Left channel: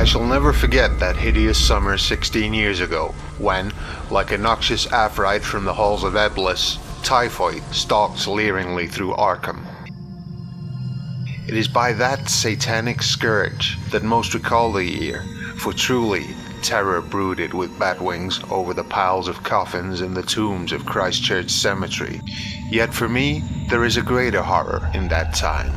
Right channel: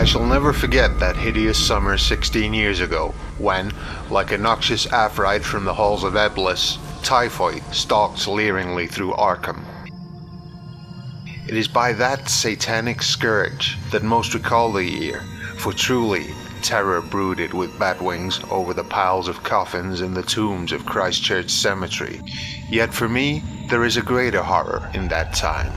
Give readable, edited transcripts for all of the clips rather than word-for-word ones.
I shall never forget that hideous summer 16 years ago, when, like a noxious Afrite from the halls of Eblis, Typhoid stalked leeringly through Arkham. It is by that satanic scourge that most recall the year, for truly terror brooded with bat wings over the piles of coffins in the tombs of Christchurch Cemetery. Yet for me, there is a greater horror in that time.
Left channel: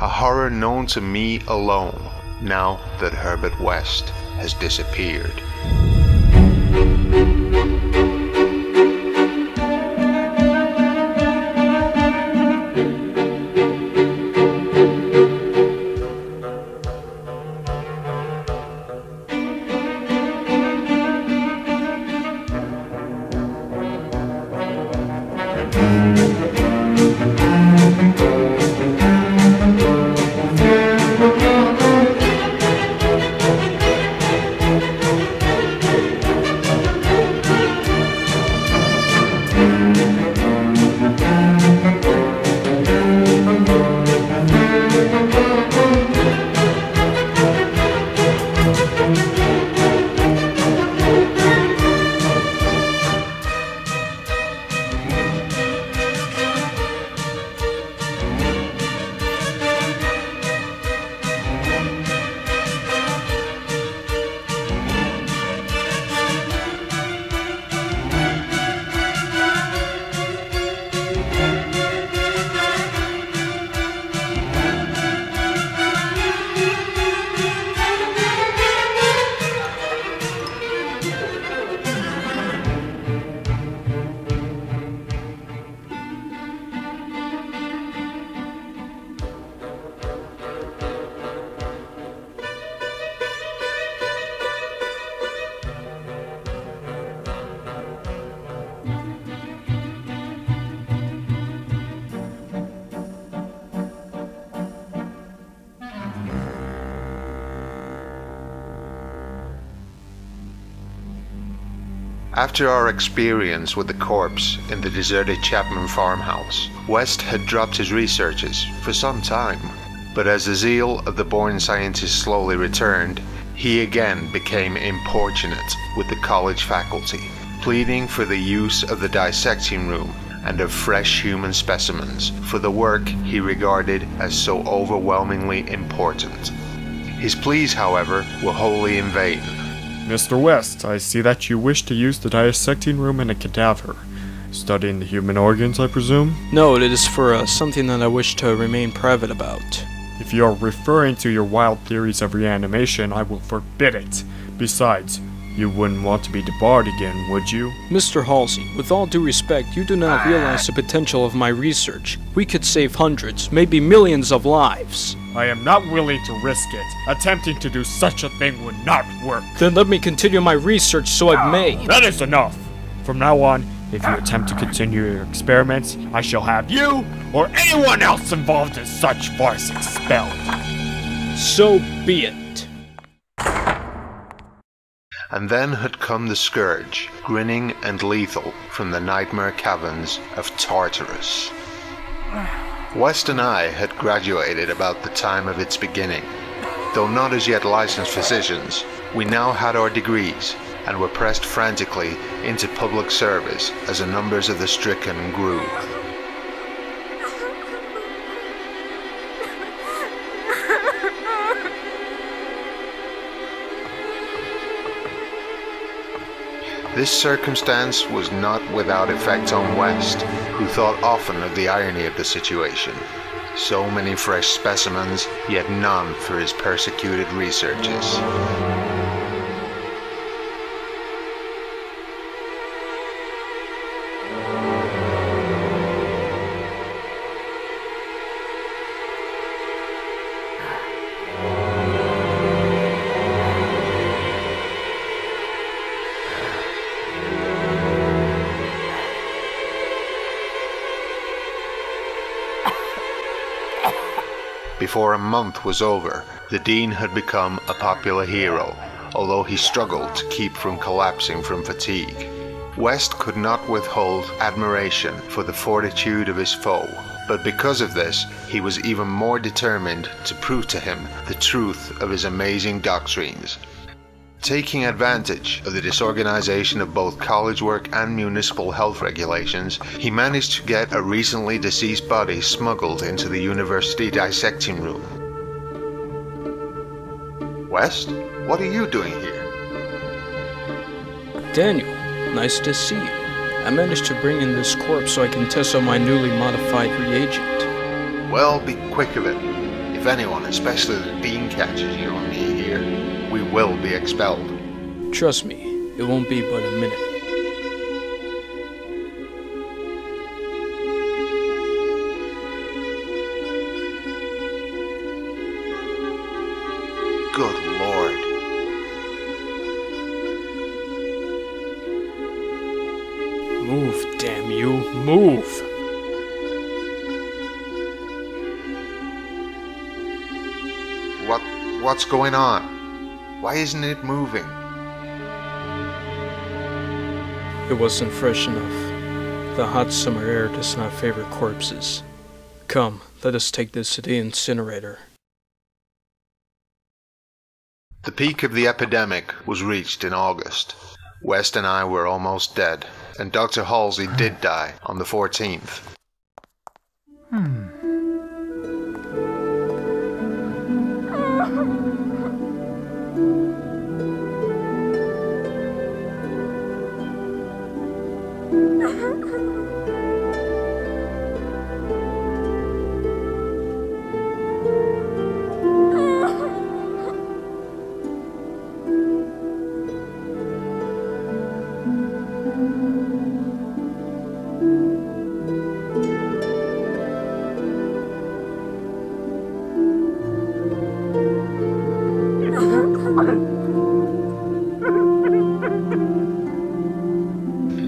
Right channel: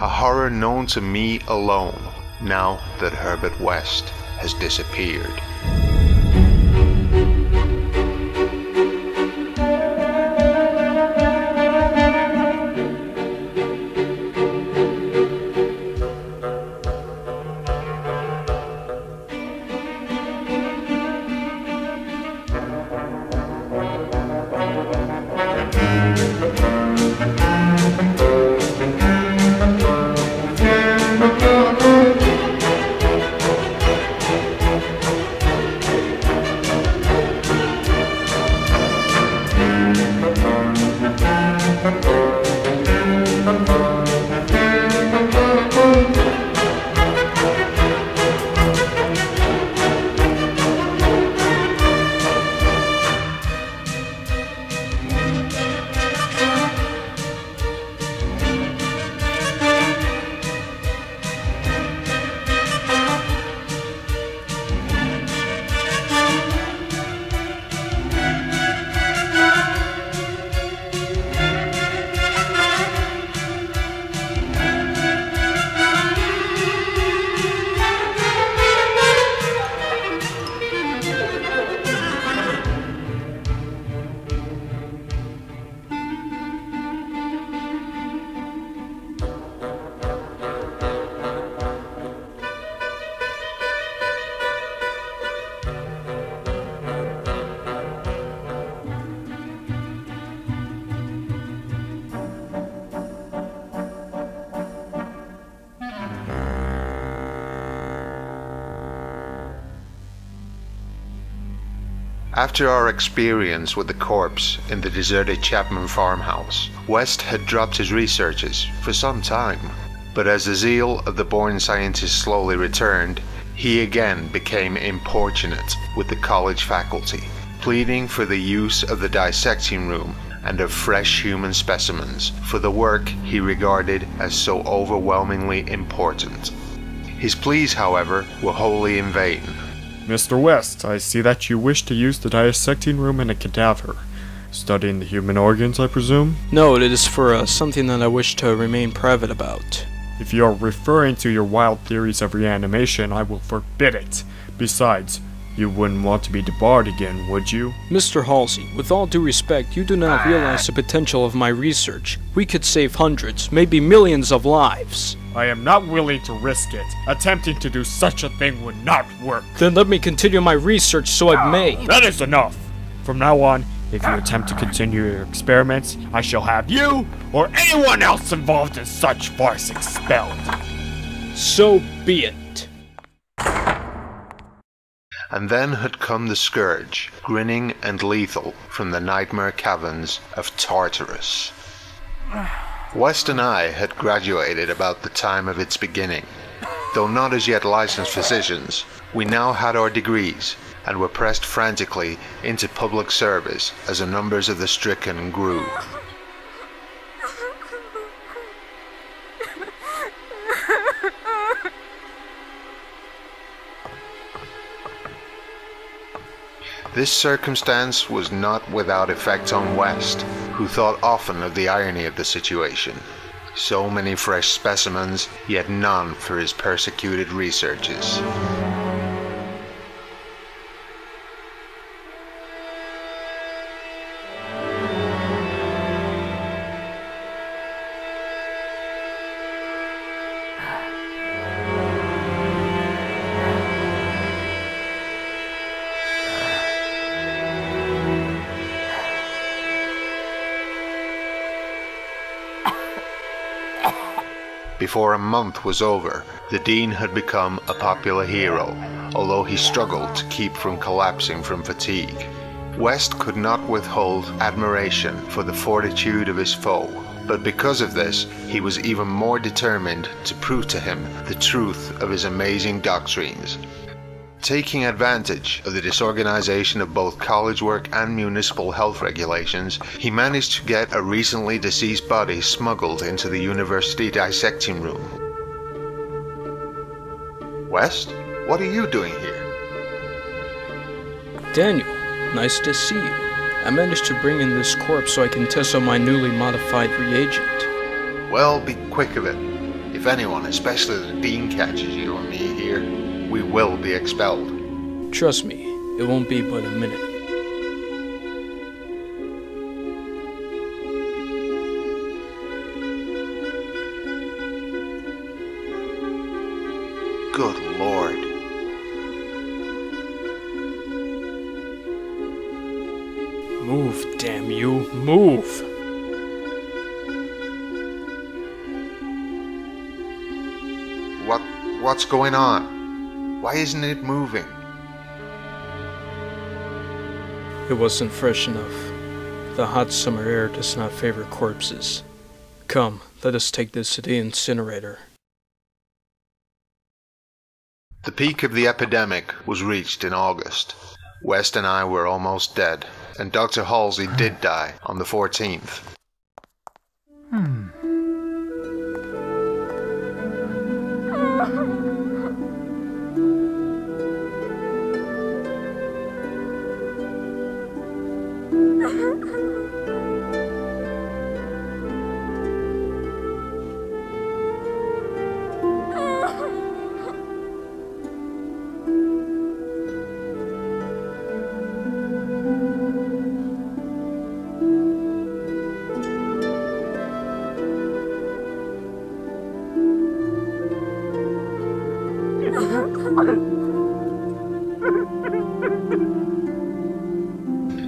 A horror known to me alone, now that Herbert West has disappeared. After our experience with the corpse in the deserted Chapman farmhouse, West had dropped his researches for some time. But as the zeal of the born scientist slowly returned, he again became importunate with the college faculty, pleading for the use of the dissecting room and of fresh human specimens for the work he regarded as so overwhelmingly important. His pleas, however, were wholly in vain. Mr. West, I see that you wish to use the dissecting room in a cadaver. Studying the human organs, I presume? No, it is for something that I wish to remain private about. If you are referring to your wild theories of reanimation, I will forbid it. Besides, you wouldn't want to be debarred again, would you? Mr. Halsey, with all due respect, you do not realize the potential of my research. We could save hundreds, maybe millions of lives. I am not willing to risk it. Attempting to do such a thing would not work. Then let me continue my research so I may. That is enough. From now on, if you attempt to continue your experiments, I shall have you or anyone else involved in such farce expelled. So be it. And then had come the scourge, grinning and lethal from the nightmare caverns of Tartarus. West and I had graduated about the time of its beginning. Though not as yet licensed physicians, we now had our degrees and were pressed frantically into public service as the numbers of the stricken grew. This circumstance was not without effect on West, who thought often of the irony of the situation. So many fresh specimens, yet none for his persecuted researches. Before a month was over, the Dean had become a popular hero, although he struggled to keep from collapsing from fatigue. West could not withhold admiration for the fortitude of his foe, But because of this, he was even more determined to prove to him the truth of his amazing doctrines. Taking advantage of the disorganization of both college work and municipal health regulations, he managed to get a recently deceased body smuggled into the university dissecting room. West, what are you doing here? Daniel, nice to see you. I managed to bring in this corpse so I can test on my newly modified reagent. Well, be quick of it. If anyone, especially the dean, catches you and me here, we will be expelled. Trust me, it won't be but a minute. Good Lord. Move, damn you, move! What's going on? Why isn't it moving? It wasn't fresh enough. The hot summer air does not favor corpses. Come, let us take this to the incinerator. The peak of the epidemic was reached in August. West and I were almost dead, and Dr. Halsey did die on the 14th.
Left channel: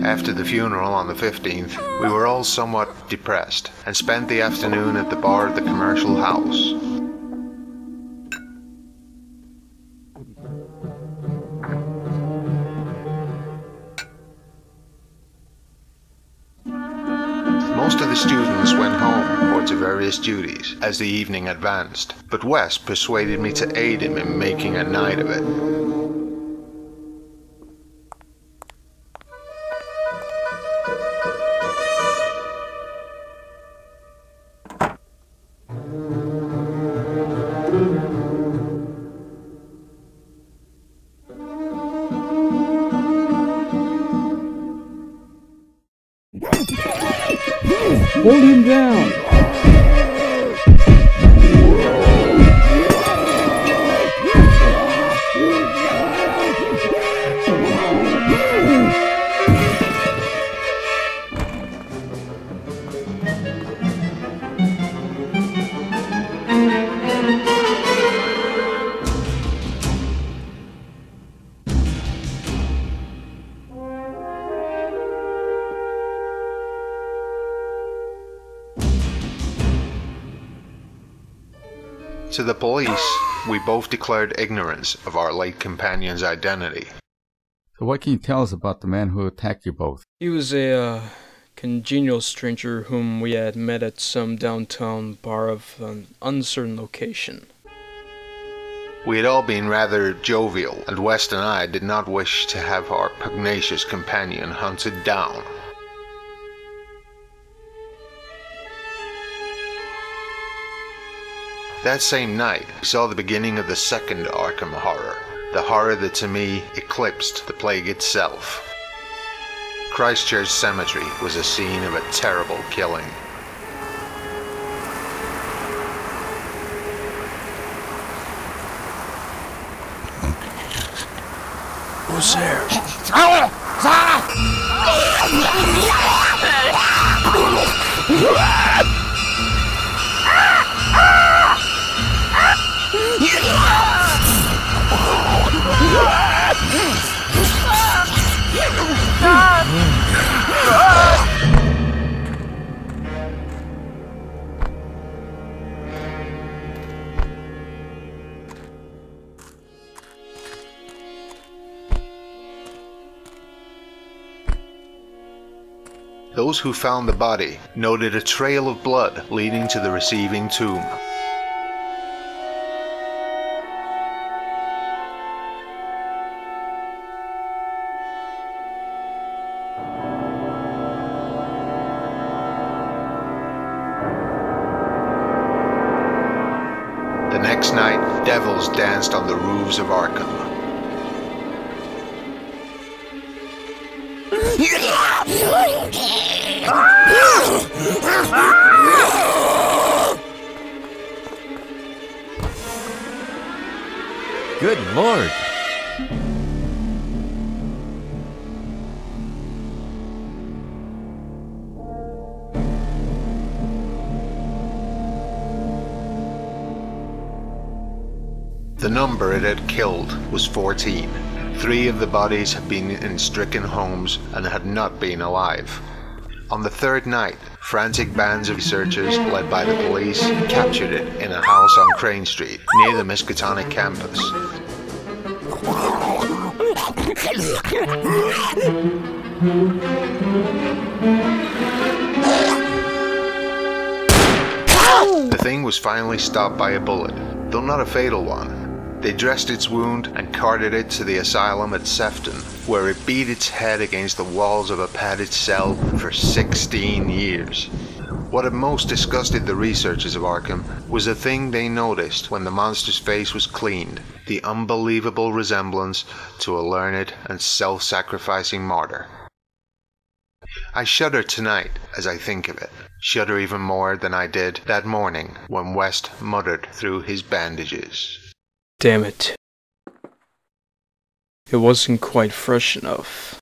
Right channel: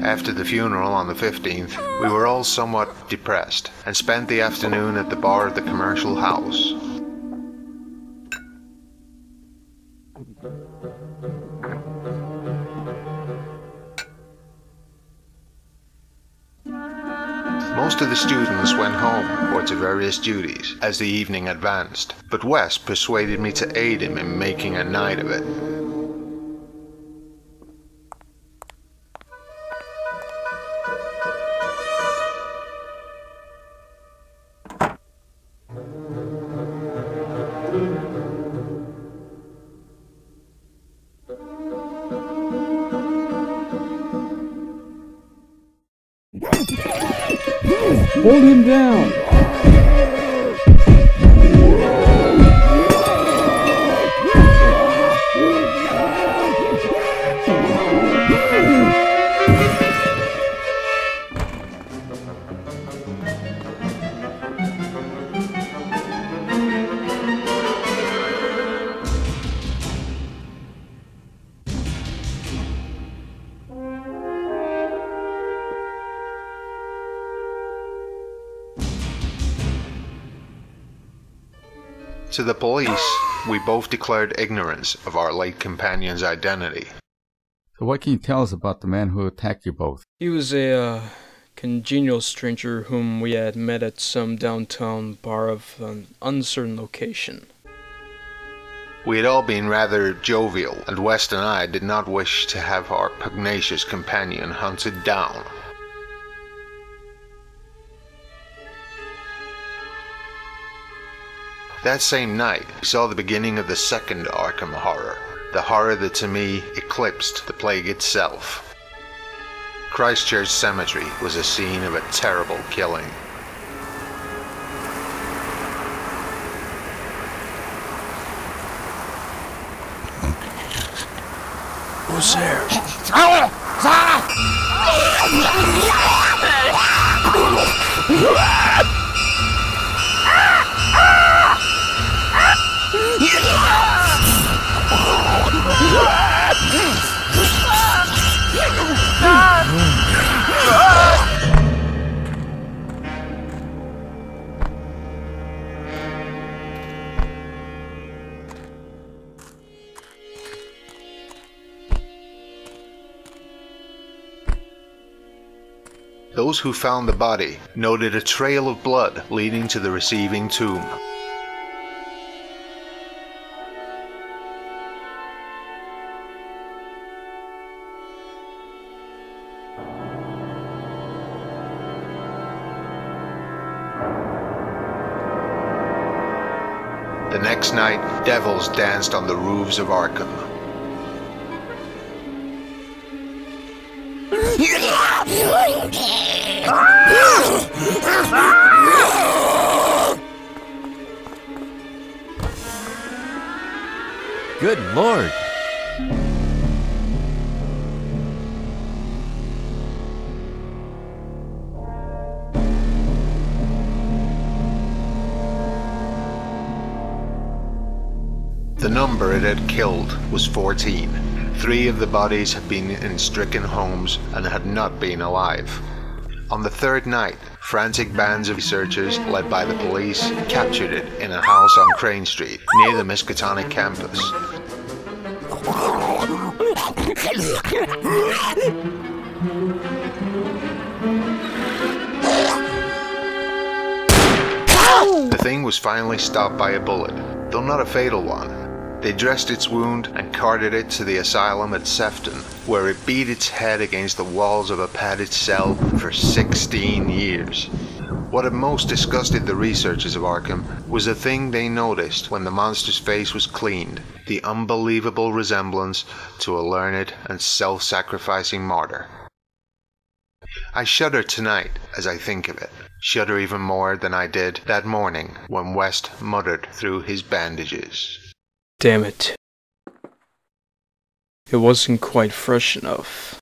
After the funeral on the 15th, we were all somewhat depressed and spent the afternoon at the bar of the commercial house. Most of the students went home or to various duties as the evening advanced, but West persuaded me to aid him in making a night of it. Hold him down! To the police, we both declared ignorance of our late companion's identity. So what can you tell us about the man who attacked you both? He was a congenial stranger whom we had met at some downtown bar of an uncertain location. We had all been rather jovial, and West and I did not wish to have our pugnacious companion hunted down. That same night, we saw the beginning of the second Arkham horror, the horror that to me eclipsed the plague itself. Christchurch Cemetery was a scene of a terrible killing. Who's there? Those who found the body noted a trail of blood leading to the receiving tomb. The next night, devils danced on the roofs of Arkham. Good Lord! The number it had killed was 14. 3 of the bodies had been in stricken homes and had not been alive. On the third night, frantic bands of researchers, led by the police, captured it in a house on Crane Street, near the Miskatonic campus. The thing was finally stopped by a bullet, though not a fatal one. They dressed its wound and carted it to the asylum at Sefton, where it beat its head against the walls of a padded cell for 16 years. What had most disgusted the researchers of Arkham was a thing they noticed when the monster's face was cleaned: the unbelievable resemblance to a learned and self-sacrificing martyr. I shudder tonight as I think of it, shudder even more than I did that morning when West muttered through his bandages. Damn it. It wasn't quite fresh enough.